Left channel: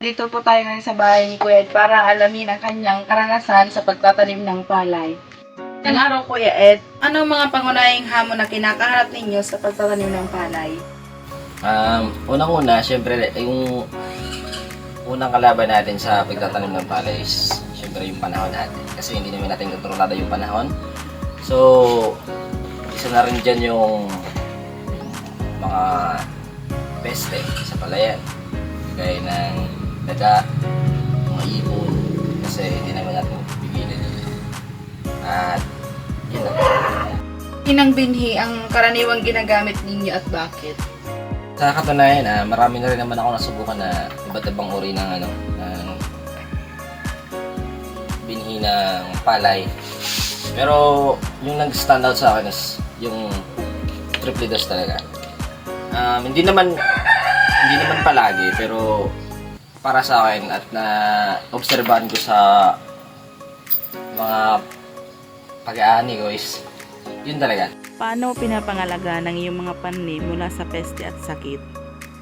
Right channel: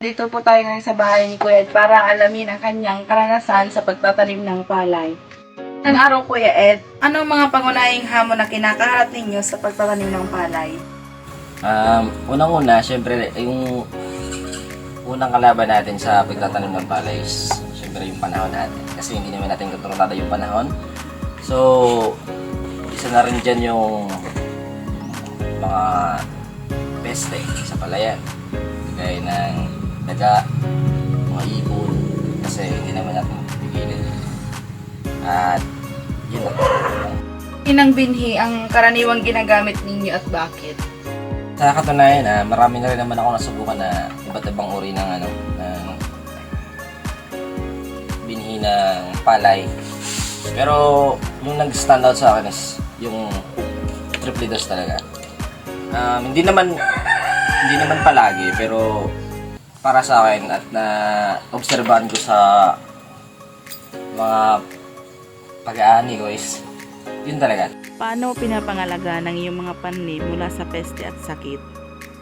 Dito po tayo ngayon sa bahay ni Kuya Ed para alamin ang kanyang karanasan sa pagtatanim ng palay. Ang araw, Kuya Ed, anong mga pangunahing hamon na kinakaharap ninyo sa pagtatanim ng palay? Unang-una, syempre, yung unang kalaban natin sa pagtatanim ng palay is syempre yung panahon natin. Kasi hindi naman natin kontrolado yung panahon. So, isa na rin dyan yung mga peste sa palayan. Gaya ng daga, mga ibon, kasi hindi naman natin pipilin. At yun lang. Inang binhi ang karaniwang ginagamit ninyo at bakit? Sa katunayan, marami na rin naman ako nasubukan na iba't ibang uri ng ng binhi ng palay. Pero yung nag-stand out sa akin is yung triple dose talaga. Hindi naman palagi, pero para sa akin at na obserbahan ko sa mga pag-aani ko is yun talaga. Paano pinapangalaga ng iyong mga panim mula sa peste at sakit?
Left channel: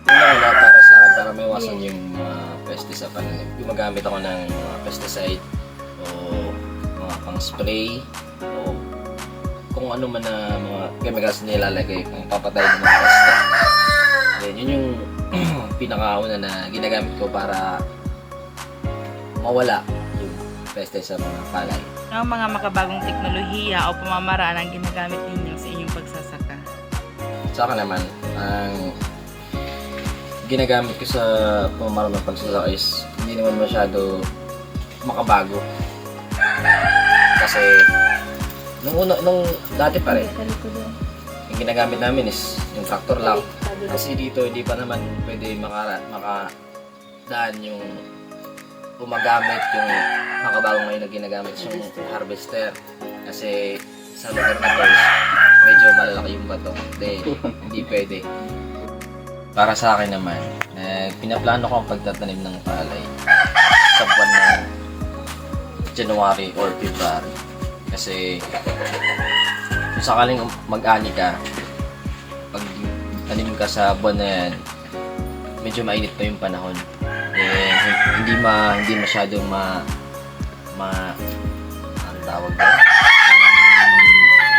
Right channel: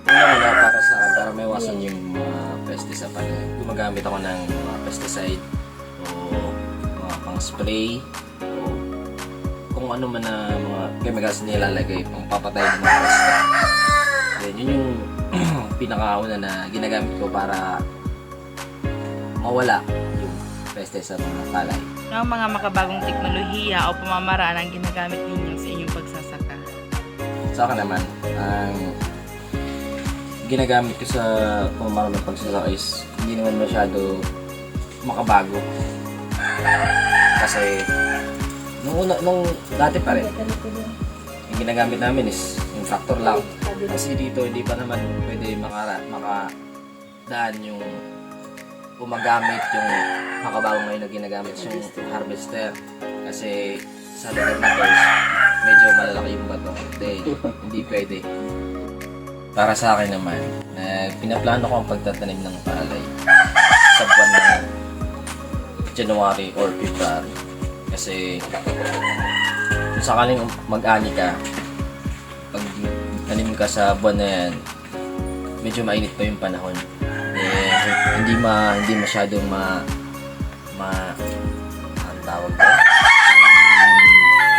Wala para sa akin, para maiwasan yung peste sa panim. Gumagamit ako ng mga pesticide o mga pang-spray o kung ano man na mga chemicals na nilalagay pang papatay ng mga peste. Yun yung pinakauna na ginagamit ko para mawala yung peste sa mga palay. Ang mga makabagong teknolohiya o pamamaraan ang ginagamit ninyo sa inyong pagsasaka? Sa akin naman, ang ginagamit ko sa pamamaraan ng pagsasaka is hindi naman masyado makabago. Kasi nung dati pa rin, yung ginagamit namin is yung tractor lang. Kasi dito hindi pa naman pwede makadaan yung gumagamit yung makabagong ngayon na ginagamit yung harvester. Kasi sa lugar na to medyo malalaki yung bato. Hindi pwede. Para sa akin naman, pinaplano ko ang pagtatanim ng palay sa buwan ng January or February. Kasi kung sakaling mag-ani ka, pag tanim ka sa buwan na yan, medyo mainit pa yung panahon. Hindi masyadong ang tawag doon,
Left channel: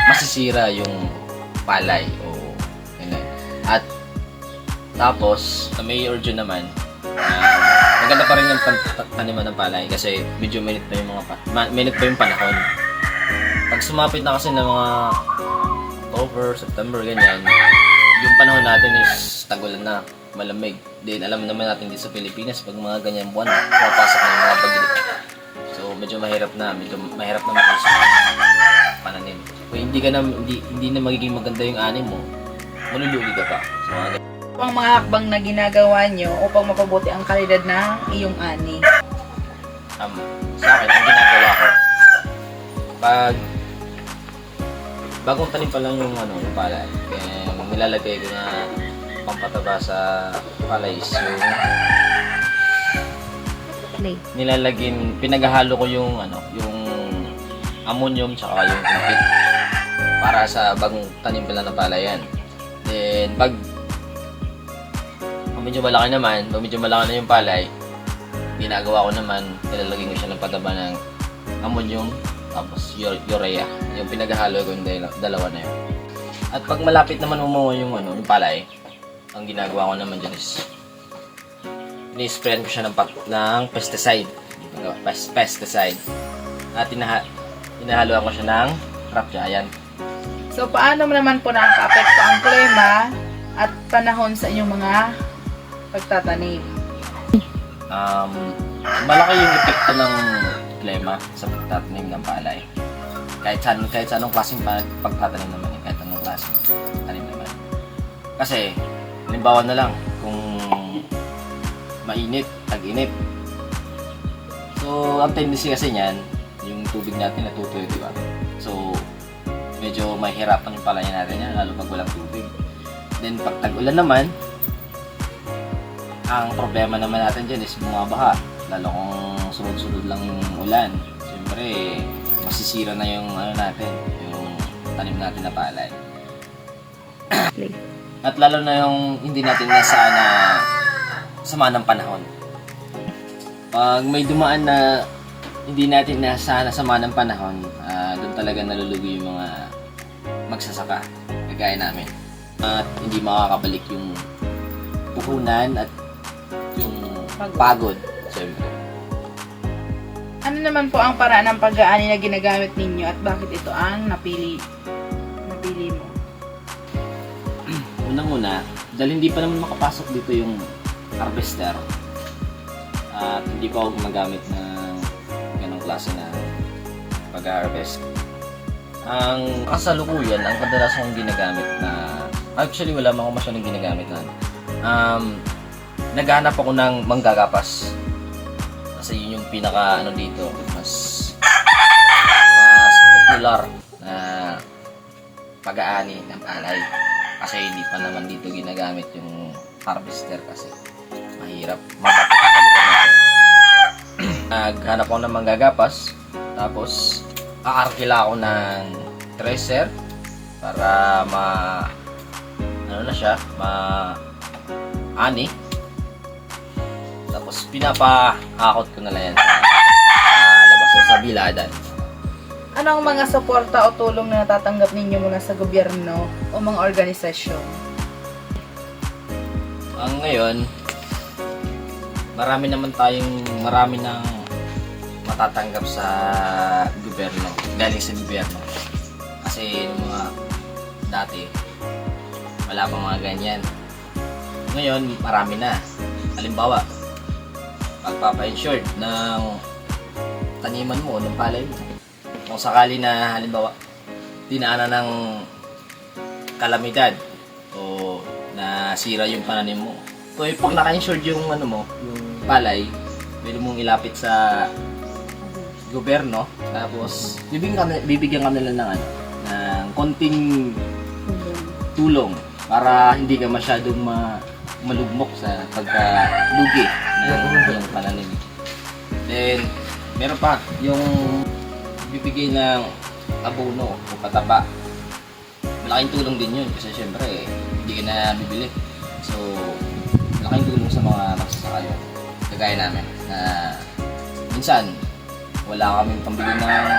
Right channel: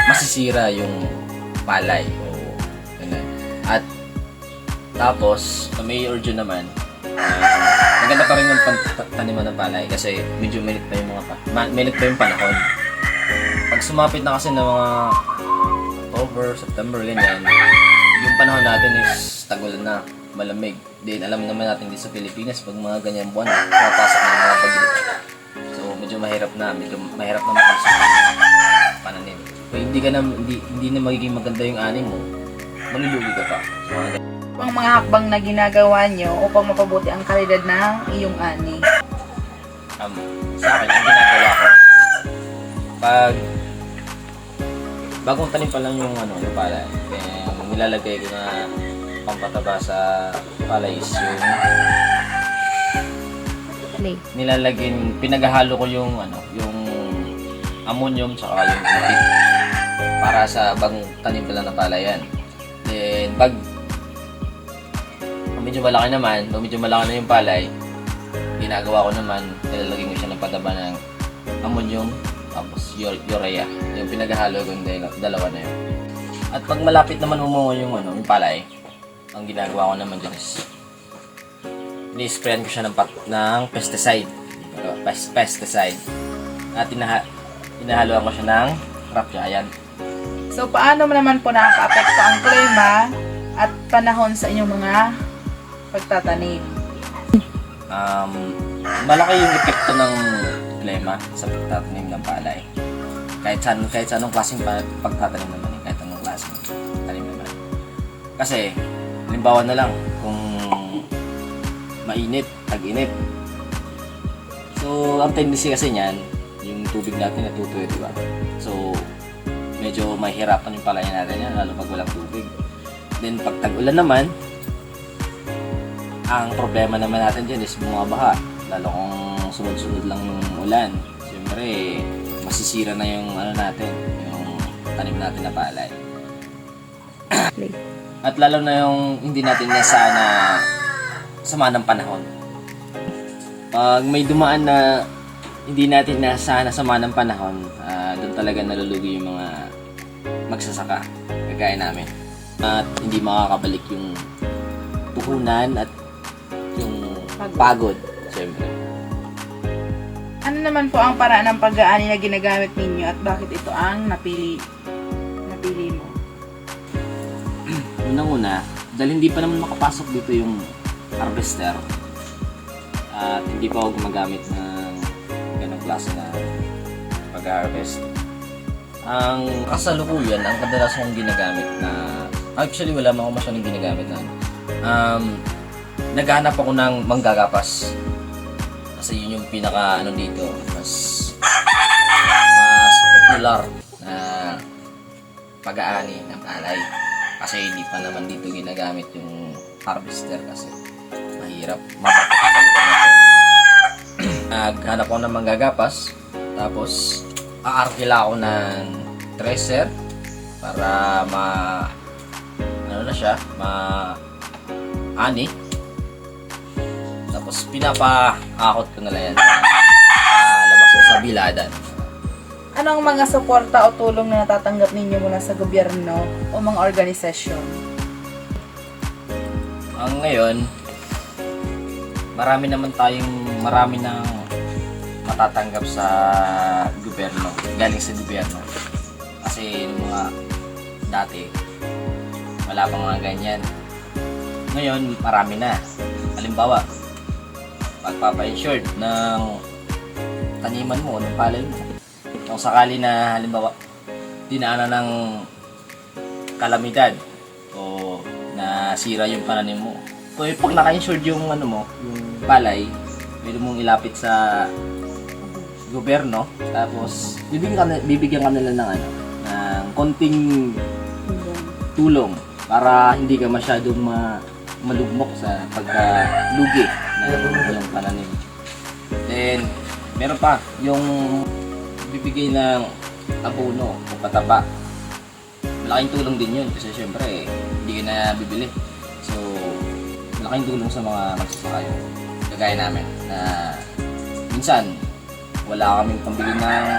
masisira yung palay o ganun. At tapos sa May or June naman, maganda pa rin yung taniman ng palay kasi medyo mainit pa yung panahon. Pag sumapit na kasi ng mga October, September, ganyan, yung panahon natin is tagulan na, malamig. Then alam naman natin dito sa Pilipinas pag mga ganyan buwan, pumapasok na yung mga bagyo. So medyo mahirap na makalusot ang pananim. Kung hindi na magiging maganda yung ani mo, malulugi ka pa. So, Ang mga hakbang na ginagawa nyo upang mapabuti ang kalidad ng iyong ani? Sa akin, ang ginagawa ko, pag bagong tanim pa lang yung yung palay, nilalagay ko na pampataba sa palay is yung pinaghahalo ko yung ammonium tsaka yung impit para sa bagong tanim pa lang ng palayan. Then pag medyo malaki na yung palay, ginagawa ko naman, nilalagay ko siya ng pataba ng ammonium tapos urea. Yung pinaghahalo ko yung dalawa na yun. At pag malapit naman umungo yung palay, ang ginagawa ko naman dyan is ini-sprayan ko siya ng pesticide. At inahaluan ko siya ng crop giant. So, paano naman po nakaka-apekto ang klima at panahon sa inyong mga pagtatanim? Malaki yung epekto ng klima sa pagtatanim ng palay. Kahit sa anong klaseng pagtatanim naman, kahit anong klaseng tanim naman. Kasi, halimbawa na lang, kung mainit, tag-init. So, ang tendency kasi niyan, yung tubig natin natutuyo, di ba? So, medyo mahirapan yung palayan natin yan, lalo pag walang tubig. Then, pag tag-ulan naman, Ang problema naman natin dyan is bumabaha. Lalo kung sunod-sunod lang yung ulan. Siyempre, masisira na yung ano natin, yung tanim natin na palay. At lalo na yung hindi natin nasana sama ng panahon. Pag may dumaan na hindi natin nasana sama ng panahon, doon talaga nalulugi yung mga magsasaka, kagaya namin. At hindi makakabalik yung puhunan at yung pagod, siyempre. Ano naman po ang paraan ng pag-aani na ginagamit ninyo at bakit ito ang napili mo? Unang-una, dahil hindi pa naman makapasok dito yung harvester at hindi pa ako gumagamit ng ganong klase na pag-harvest. Ang kasalukuyan, ang kadalas kong ginagamit na, actually wala man ako masyadong ginagamit na, naghahanap ako ng manggagapas. Kasi yun yung pinaka ano dito, mas popular na pag-aani ng palay. Kasi hindi pa naman dito ginagamit yung harvester kasi mahirap, mapatok sa lugar na ito. Naghanap ako ng manggagapas, tapos aarkila ako ng tracer para ani. Tapos pinapaakot ko na lang yan labas ko sa biladan. Ano ang mga suporta o tulong na natatanggap ninyo mula sa gobyerno o mga organisasyon? Ngayon, marami nang matatanggap sa gobyerno, galing sa gobyerno. Kasi yung mga dati, wala pang mga ganyan. Ngayon, marami na. Halimbawa, pagpapa-insured ng taniman mo, ng palay mo. Kung sakali na, halimbawa, dinaanan ng kalamidad o nasira yung pananim mo. So, pag naka-insured yung yung palay, pwede mong ilapit sa gobyerno, tapos bibigyan ka nila ng ng konting tulong para hindi ka masyadong malugmok sa pagkalugi ng yung pananim. Then, meron pa yung bibigay ng abono o pataba. Malaking tulong din yun kasi syempre hindi ka na bibili. So, malaking tulong sa mga magsasaka yun. Kagaya namin na minsan wala kaming pambili ng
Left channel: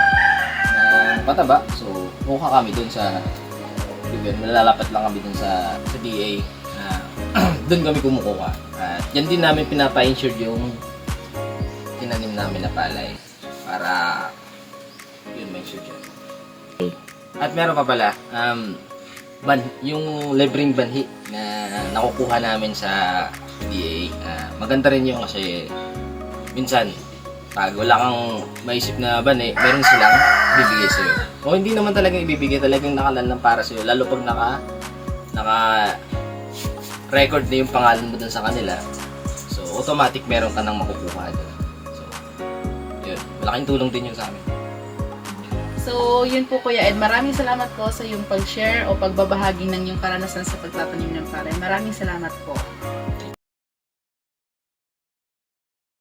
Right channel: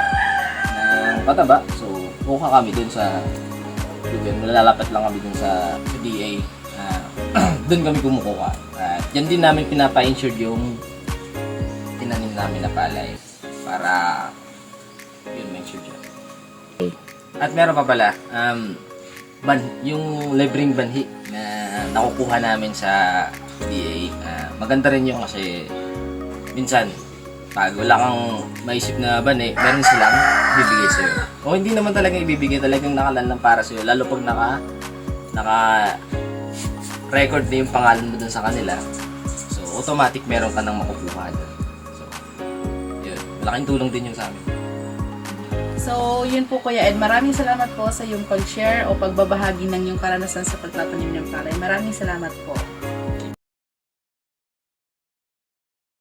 pataba. So, kuha kami dun sa gobyerno. Lalapit lang kami dun sa DA. Dun kami kumukuha. At yan din namin pinapa-insured yung tinanim namin na palay para yun may insured yan. At meron pa pala, yung libreng banhi na nakukuha namin sa DA. Maganda rin yung kasi minsan pag wala kang maisip na banhi, meron silang bibigay sa'yo. O hindi naman talagang ibibigay, talagang nakalan lang para sa'yo. Lalo pag naka-record na yung pangalan mo dun sa kanila. So, automatic meron ka nang makukuha dun. So, yun. Malaking tulong din yung sa amin. So, yun po Kuya Ed. Maraming salamat po sa yung pag-share o pagbabahagi ng yung karanasan sa pagtatanim ng palay. Maraming salamat po.